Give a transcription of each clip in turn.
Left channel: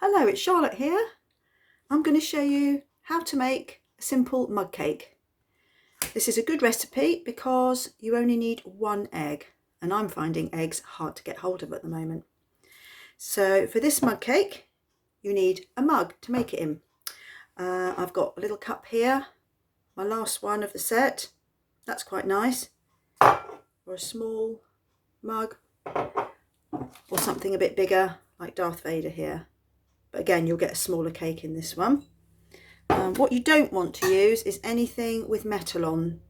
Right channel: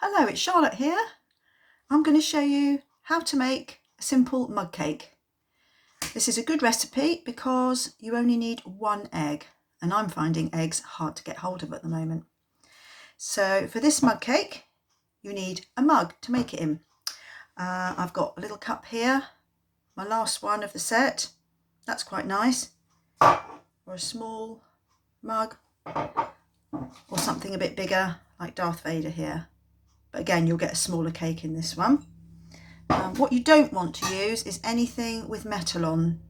Hello, it's Charlotte here. I'm going to show you how to make a simple mug cake. This is a good recipe because you only need one egg, and I'm finding eggs hard to get hold of at the moment. So for this mug cake, you need a mug to make it in. I've got a little cup here, my last one of the set. That's quite nice. Or a small mug, or something a bit bigger like Darth Vader here. But again, you'll get a smaller cake in this one. What you don't want to use is anything with metal on.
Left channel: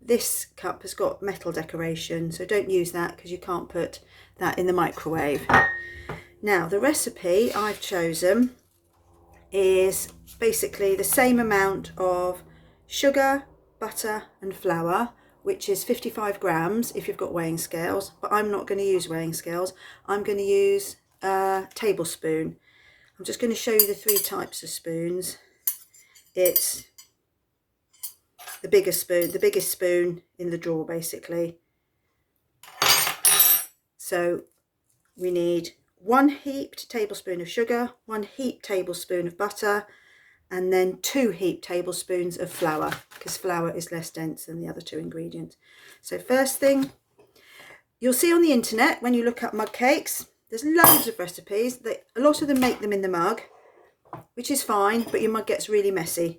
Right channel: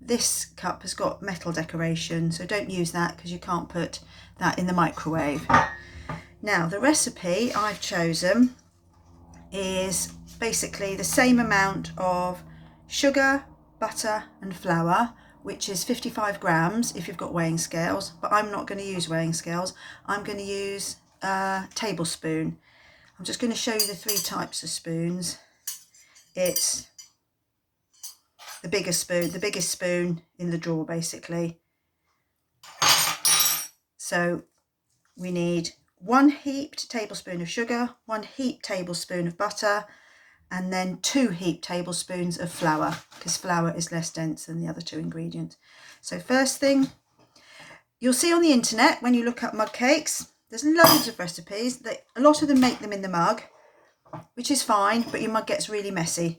This cup has got metal decoration, so don't use that because you can't put that in the microwave. Now, the recipe I've chosen is basically the same amount of sugar, butter and flour, which is 55 grams if you've got weighing scales, but I'm not going to use weighing scales. I'm going to use a tablespoon. I'm just going to show you the three types of spoons. It's the biggest spoon in the drawer basically. So we need 1 heaped tablespoon of sugar, 1 heaped tablespoon of butter, and then 2 heaped tablespoons of flour, because flour is less dense than the other two ingredients. So first thing, you'll see on the internet when you look up mug cakes, there's loads of recipes. A lot of them make them in the mug, which is fine, but your mug gets really messy.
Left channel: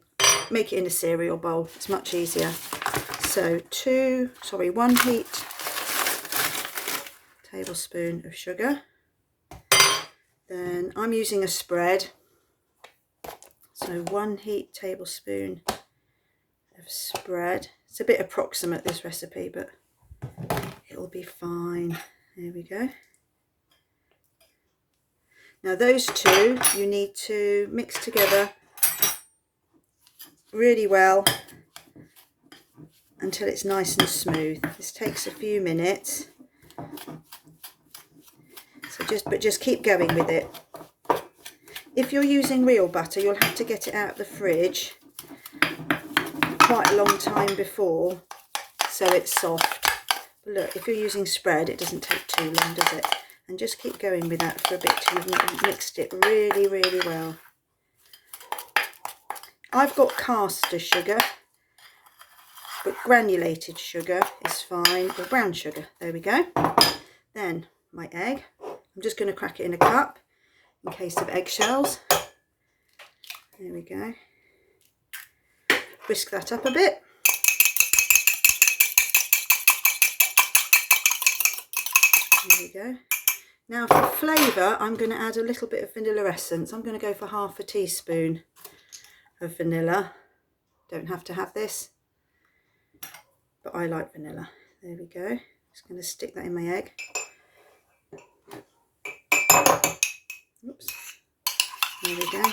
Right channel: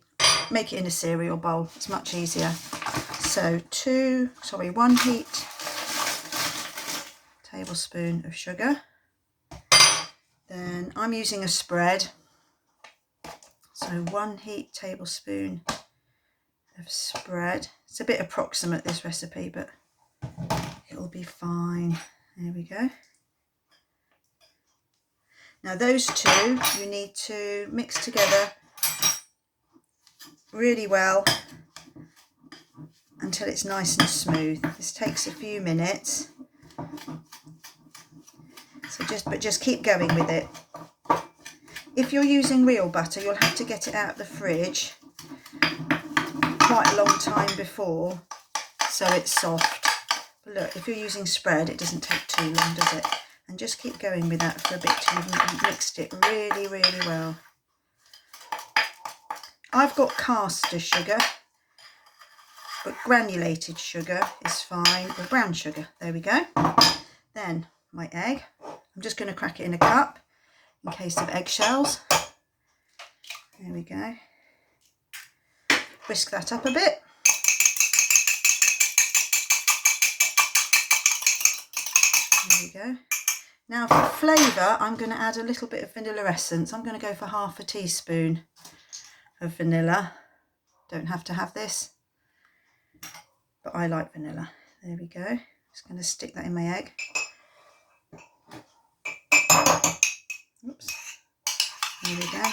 Make it in a cereal bowl, it's much easier. So 1 heaped tablespoon of sugar. Then I'm using a spread, so 1 heaped tablespoon of spread. It's a bit approximate, this recipe, but it'll be fine. There we go. Now those two you need to mix together really well until it's nice and smooth. This takes a few minutes, so just keep going with it. If you're using real butter, you'll have to get it out of the fridge quite a long time before, so it's soft. But look, if you're using spread, it doesn't take too long, does it? And just keep going with that for a bit till you've mixed it really, really well. I've got caster sugar, but granulated sugar is fine, or brown sugar. There we go. Then my egg. I'm just going to crack it in a cup in case of eggshells. There we go. Whisk that up a bit. There we go. Now for flavour, I'm going to add a little bit of vanilla essence. I'm going to go for half a teaspoon of vanilla. Don't have to have this, but I like vanilla. There we go. Just going to stick that in my egg. Oops. There we go.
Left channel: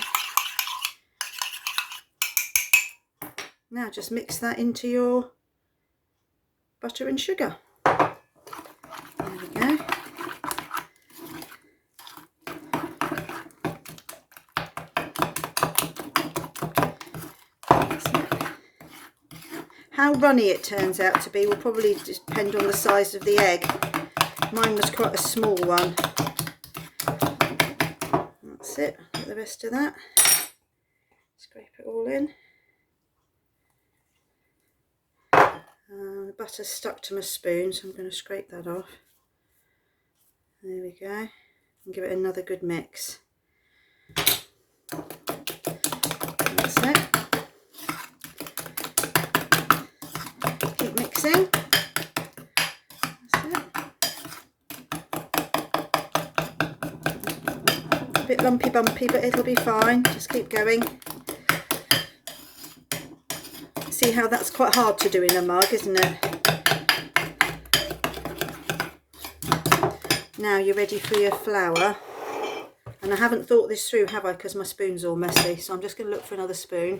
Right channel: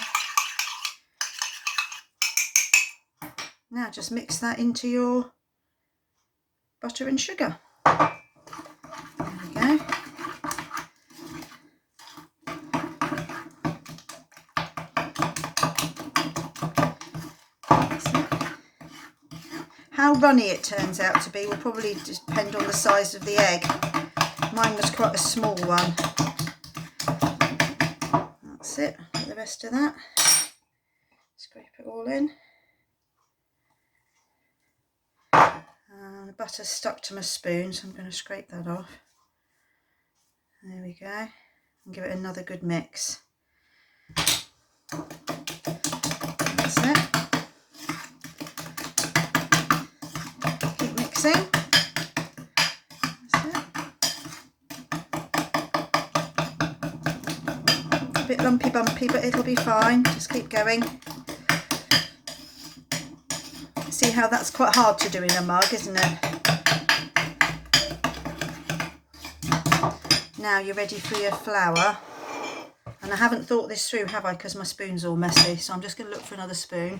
Now just mix that into your butter and sugar. There we go. That's it. How runny it turns out to be will probably depend on the size of the egg. Mine was quite a small one. That's it. Put the rest of that. Scrape it all in. The butter's stuck to my spoon, so I'm going to scrape that off. There we go. And give it another good mix. That's it. Keep mixing. That's it. A bit lumpy bumpy, but it'll be fine. Just keep going. See how that's quite hard to do in a mug, isn't it? Now you're ready for your flour. And I haven't thought this through, have I? Because my spoon's all messy. So I'm just going to look for another spoon.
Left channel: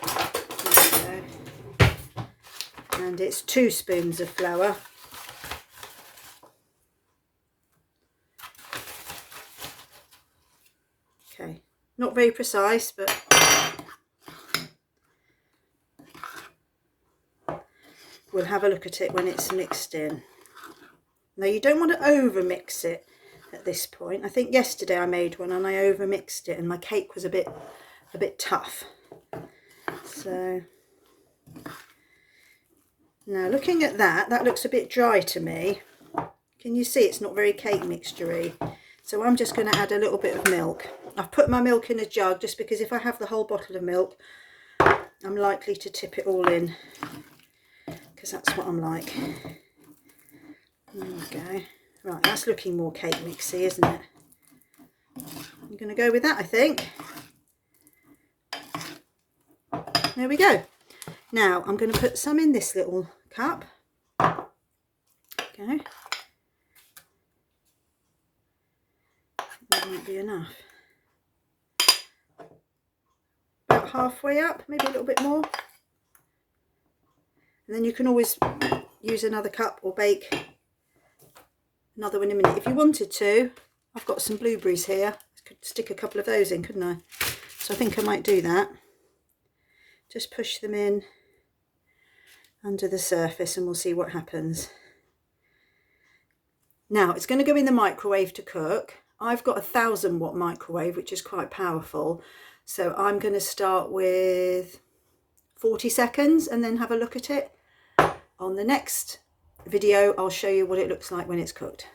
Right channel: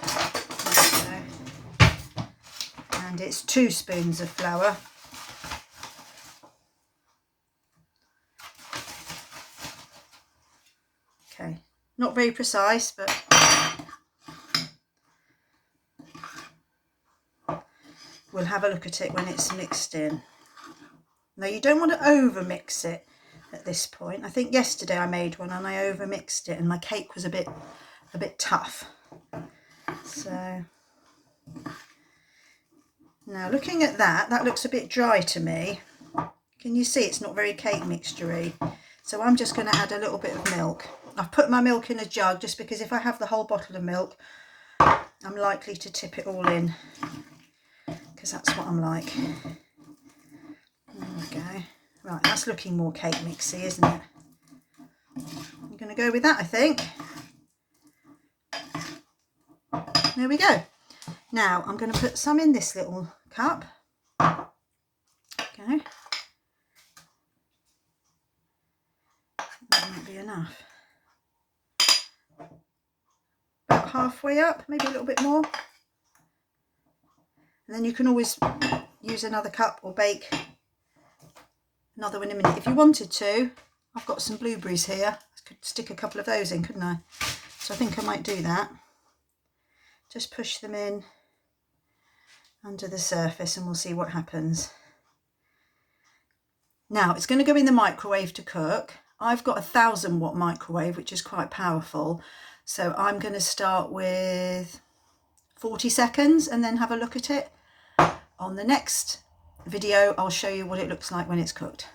There we go. And it's 2 spoons of flour. Okay, not very precise, but we'll have a look at it when it's mixed in. Now you don't want to over mix it. at this point. I think yesterday I made one and I over mixed it and my cake was a bit tough. So now looking at that, that looks a bit dry to me. Can you see it's not very cake mixture-y? So I'm just going to add a little bit of milk. I've put my milk in a jug just because if I have the whole bottle of milk, I'm likely to tip it all in, because that's what I'm like. There we go. Right, that's looking more cake mixy, isn't it? I'm going to go with that, I think. There we go. Now I'm going to put some in this little cup. Okay. That won't be enough. About halfway up, maybe a little bit more. And then you can always use another cup or bake another one in a minute. If you wanted to, I've got some blueberries here. I could stick a couple of those in, couldn't I? So I think I might do that. Just push them in under the surface and we'll see what happens. Now it's going to go in the microwave to cook. I've got a 1000-watt microwave, which is quite powerful. So I'm going to start with 40 seconds and then have a look at it. On the next video, I'll show you what it looks like when it's cooked.